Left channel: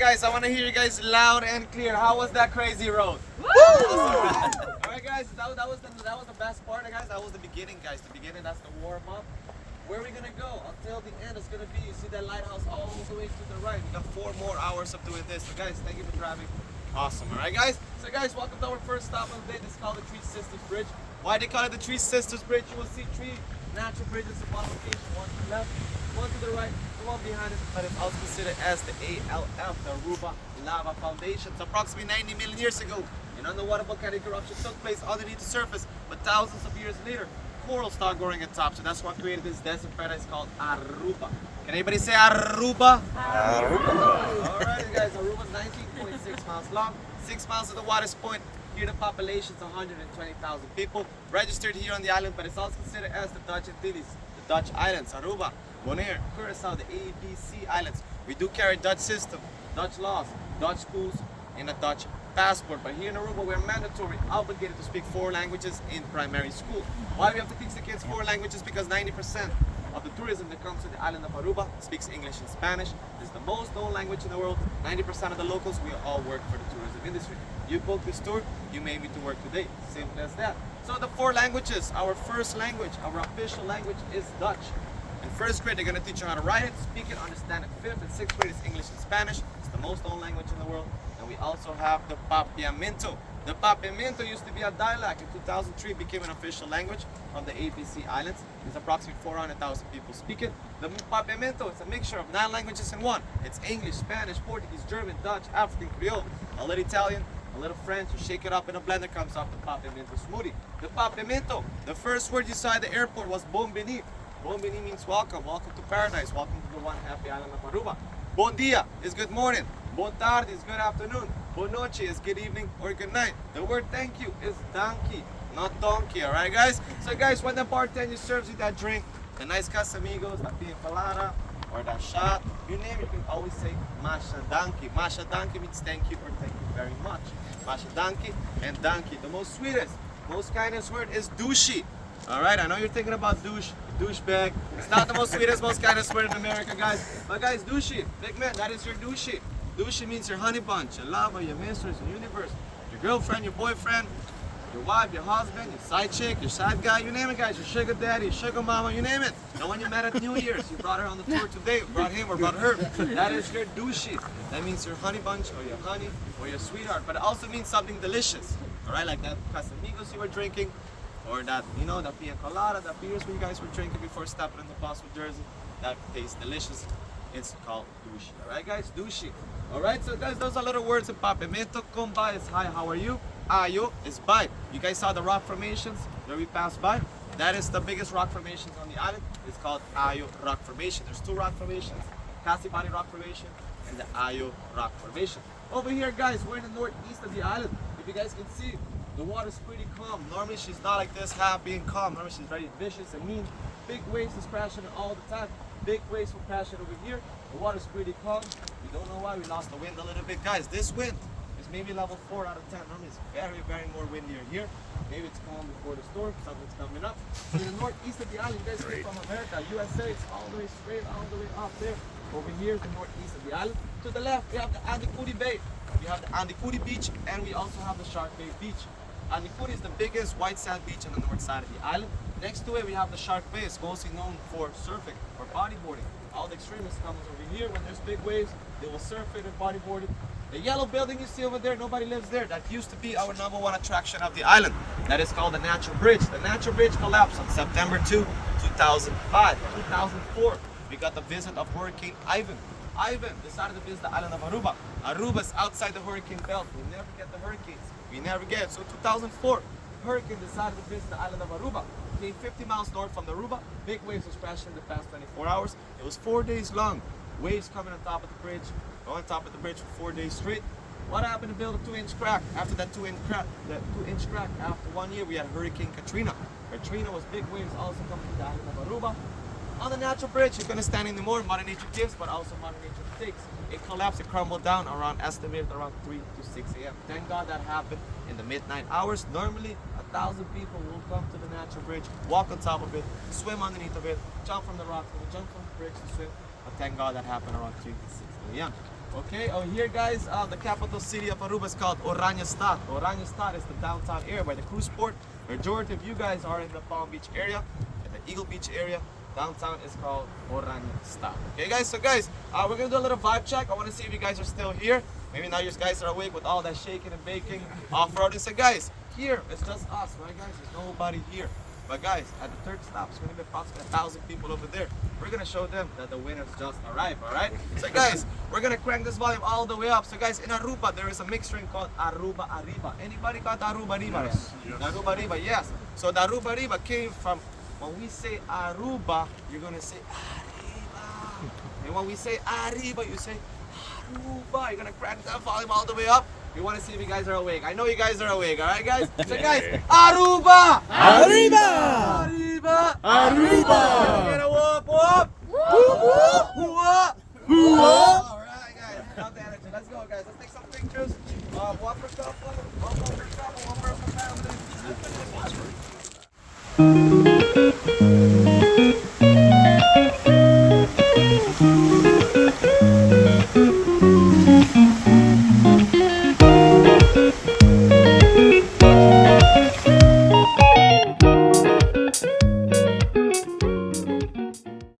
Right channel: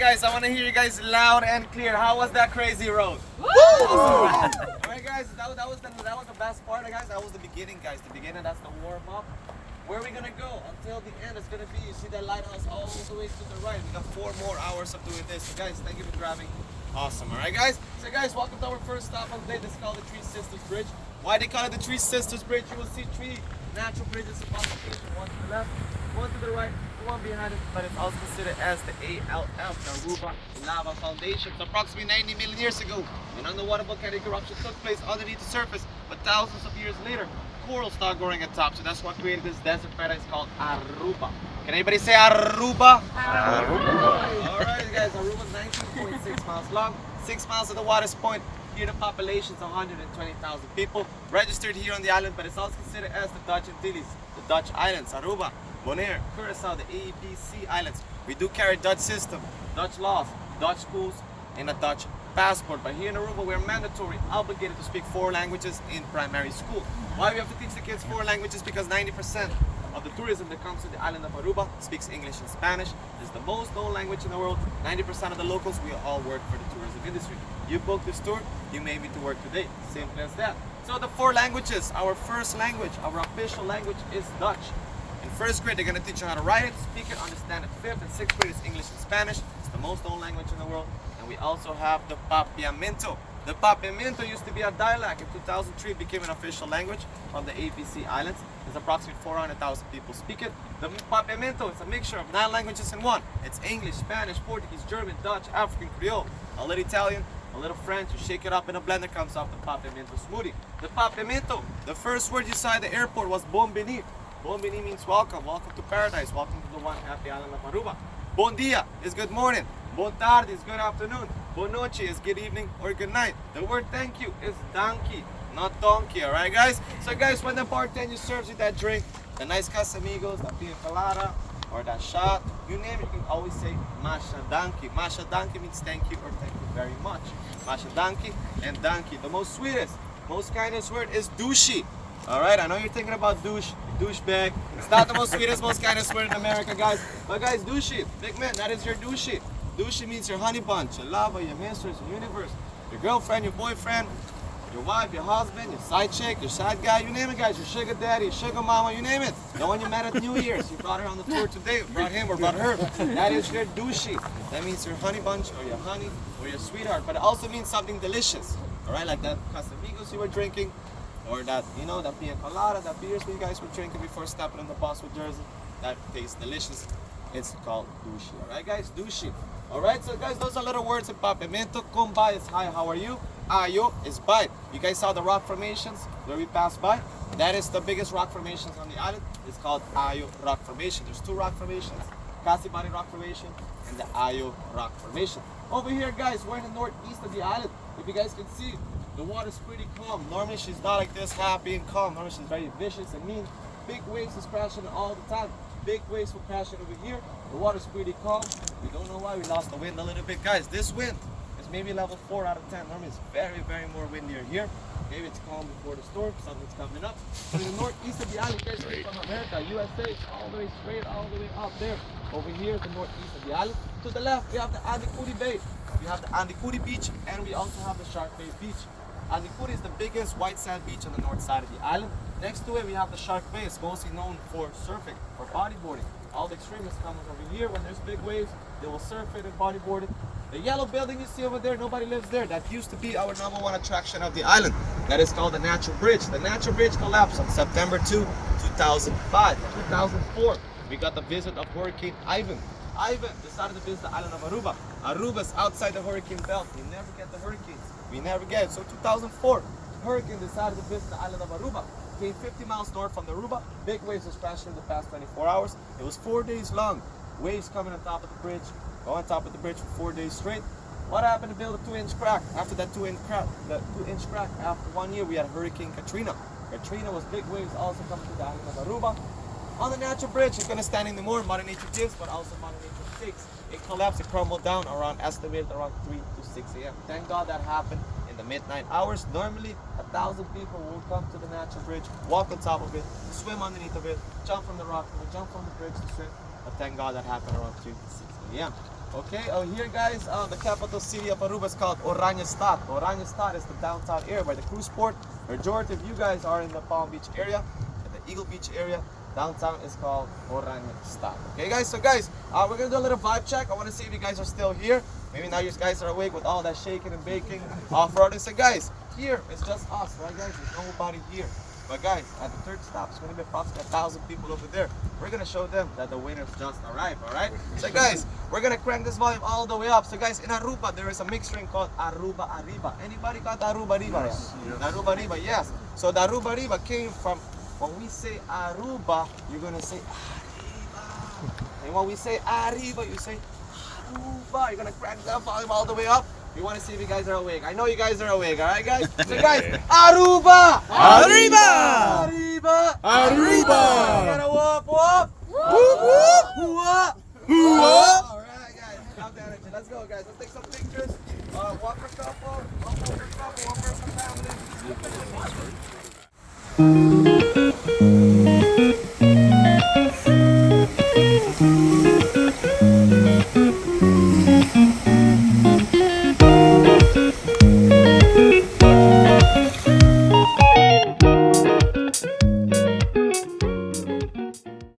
guys, I want to hear you guys loud and clear. How was that crazy road? Woo! Alright guys, that was the best part, guys. That was the beginning, guys. The beginning, that's the warm up. Where are we gonna go? Until the end, it's gonna be, you see that lighthouse all the way to the right. We got 4 more hours of doing this. So guys, thank you for driving. Awesome, alright guys? So guys, welcome to our first stop of the day. This is called the Three Sisters Bridge. Why they call it the Three Sisters Bridge? You will see 3 natural bridges of location, one to the left, one to the right, one behind it, but it's also considered as the ALF, the Aruba Lava Foundation. It's approximately 90 million years ago, an underwater volcanic eruption took place underneath the surface, but thousands of years later, coral started growing at top, so that's what created this desert paradise called Aruba. Can anybody say Aruba? Aruba. Alright guys, Aruba is 19.6 miles long, 6 miles at the water's point. Here the population is 120,000 people registered here on the island, but it's also considered as the Dutch Antilles, the Dutch islands, Aruba, Bonaire, Curaçao, the ABC islands. We do carry Dutch system, Dutch laws, Dutch schools, and a Dutch passport. But here in Aruba, we're mandatory, obligated to speak 4 languages in primary school. Why we have to teach the kids 4 languages? Because 90% of the tourism that comes to the island of Aruba speaks English and Spanish. It's the most known language in the world. 90% of the locals, we all work for the tourism industry. You book this tour, you may need to work today. Simple as that. So the 4 languages, our first language, our official language is Dutch. In 1st grade, they're going to teach you how to write it, speak it, understand it. 5th and 6th grade is English and Spanish. It's the most known language in the world. And we also have the Papiamento. The Papiamento used to be a dialect. In 2003, it became an official language of the ABC Islands. There's approximately 400,000 people speak it. The Papiamento is a mixture of 9 languages in one. It's English, Spanish, Portuguese, German, Dutch, African, Creole, a little Italian, a little French. You shake it up in a blender, comes out the Papiamento smoothie. The Papiamento, the first word you saw at the airport was Bombini. Bombini means welcome, welcome to paradise, welcome to the one happy island of Aruba. Bon dia is good morning. Bon tarde is good afternoon. Bon noche is good evening or good night. The word thank you is donkey, not donkey, alright guys? So guys, when the bartender serves you that drink, the nice Casamigos, that pina colada, or that shot, you name it, you can always say Masha Donkey. Masha Donkey means thank you or thank you very much. Masha Donkey and Donkey. The most sweetest, most kindest word is douchey. Alright, I know you're thinking about douchebag. It's not the most sweetest, most kindest word in America, guys. But guys, douchey, big man, that is your douchey. Douchey means your honey bunch, your lover, your mistress, your universe, your girlfriend, your boyfriend, your wife, your husband, your side chick, your side guy, you name it, guys. Your sugar daddy, your sugar mama, you name it. The one you met at New Year's. You brought her on the tour today, brought him or brought her. That is your douchey. That means your honey bunch or your honey or your sweetheart. But it also means something delicious. Alright, like that Casamigos you were drinking, or that, you know, that pina colada, that beers you guys were drinking before stepping in the bus with Jersey. That tastes delicious. It's called douchey. Alright guys, douchey. Alright, so guys, those are little words in Papiamento. Kumba is hi, how are you? Ayo is bye. You guys saw the rock formations where we passed by? That is the biggest rock formations on the island. It's called Ayo Rock Formation. There's 2 rock formations, Casibani Rock Formation and the Ayo Rock Formation. Over here, guys, we're in the northeast of the island. If you guys can see, the water's pretty calm. Normally she's not like this, happy and calm. Normally she's very vicious and mean. Big waves is crashing all the time. Big waves will crash over here. The water's pretty calm. We don't know why we lost the wind a little bit. Guys, this wind is maybe level 4 out of 10. Normally it's very, very more windier here. Maybe it's calm before the storm. Something's coming up. But in the northeast of the island, you guys see from America, USA, it's all the way straight, all the way up there. Over here is the northeast of the island. To the left, we have the Andicuri Bay. We have the Andicuri Beach, and we also have the Shark Bay Beach. Andicuri is the biggest white sand beach on the north side of the island. Next to it, we have the Shark Bay. It's mostly known for surfing, for bodyboarding. All the extremists come over here. When there's big waves, they will surf it and bodyboard it. The yellow building you see over there, nobody lives there. That used to be our #1 attraction of the island. That is called the Natural Bridge. The Natural Bridge collapsed on September 2, 2005. 2004, we got the visit of Hurricane Ivan. Ivan decided to visit the island of Aruba. Aruba is outside the hurricane belt. We never get the hurricanes. We never get it. So 2004, hurricane decided to visit the island of Aruba. Came 50 miles north from Aruba. Big waves was crashing in the past 24 hours. It was 4 days long. Waves coming on top of the bridge, on top of the bridge for 4 days straight. What happened to build a 2-inch crack? After that 2-inch crack, after 1 year, we had Hurricane Katrina. Katrina was big waves also coming to the island of Aruba. On the Natural Bridge, you're gonna stand in the more Mother Nature gives, but also Mother Nature takes. It collapsed, it crumbled down estimated around 3 to 6 a.m. Thank God that happened in the midnight hours. Normally, 1,000 people will come to the Natural Bridge, walk on top of it, swim underneath of it, jump from the rock, jump from the bridge to swim. But thank God that happened around 3 to 6 a.m. Okay, here guys, the capital city of Aruba is called Oranjestad. Oranjestad is the downtown area by the cruise port. Majority of you guys are in the Palm Beach area, and the Eagle Beach area. Downtown is called Oranjestad. Okay guys, so guys, we're gonna do a little vibe check. I wanna see if you guys are still here. Maybe now you guys are awake with all that shaking and baking off-road. So guys, here it's just us, right guys? There's nobody here. But guys, at the third stop, it's gonna be approximately 1,000 people over there. We're gonna show them that the winners just arrived, alright? So guys, we're gonna crank this volume all the way up. So guys, in Aruba, there is a mixed drink called Aruba Arriba. Anybody got the Aruba Arriba? Yes. Aruba Arriba, yes. So the Aruba Arriba came from, when we say Aruba, you're gonna say Arriba. And when we say Arriba, you say Aruba. You're gonna crank that volume all the way up. We want to see if you guys are awake. I know you guys are awake, alright guys? So guys, Aruba! Arriba! Arriba! Arriba! We're gonna whoop whoop! Whoop, whoop! Whoop! Whoop! Alright guys, have the energy. Let's go guys. Let's take some pictures. One for couple, one for couple, one for family.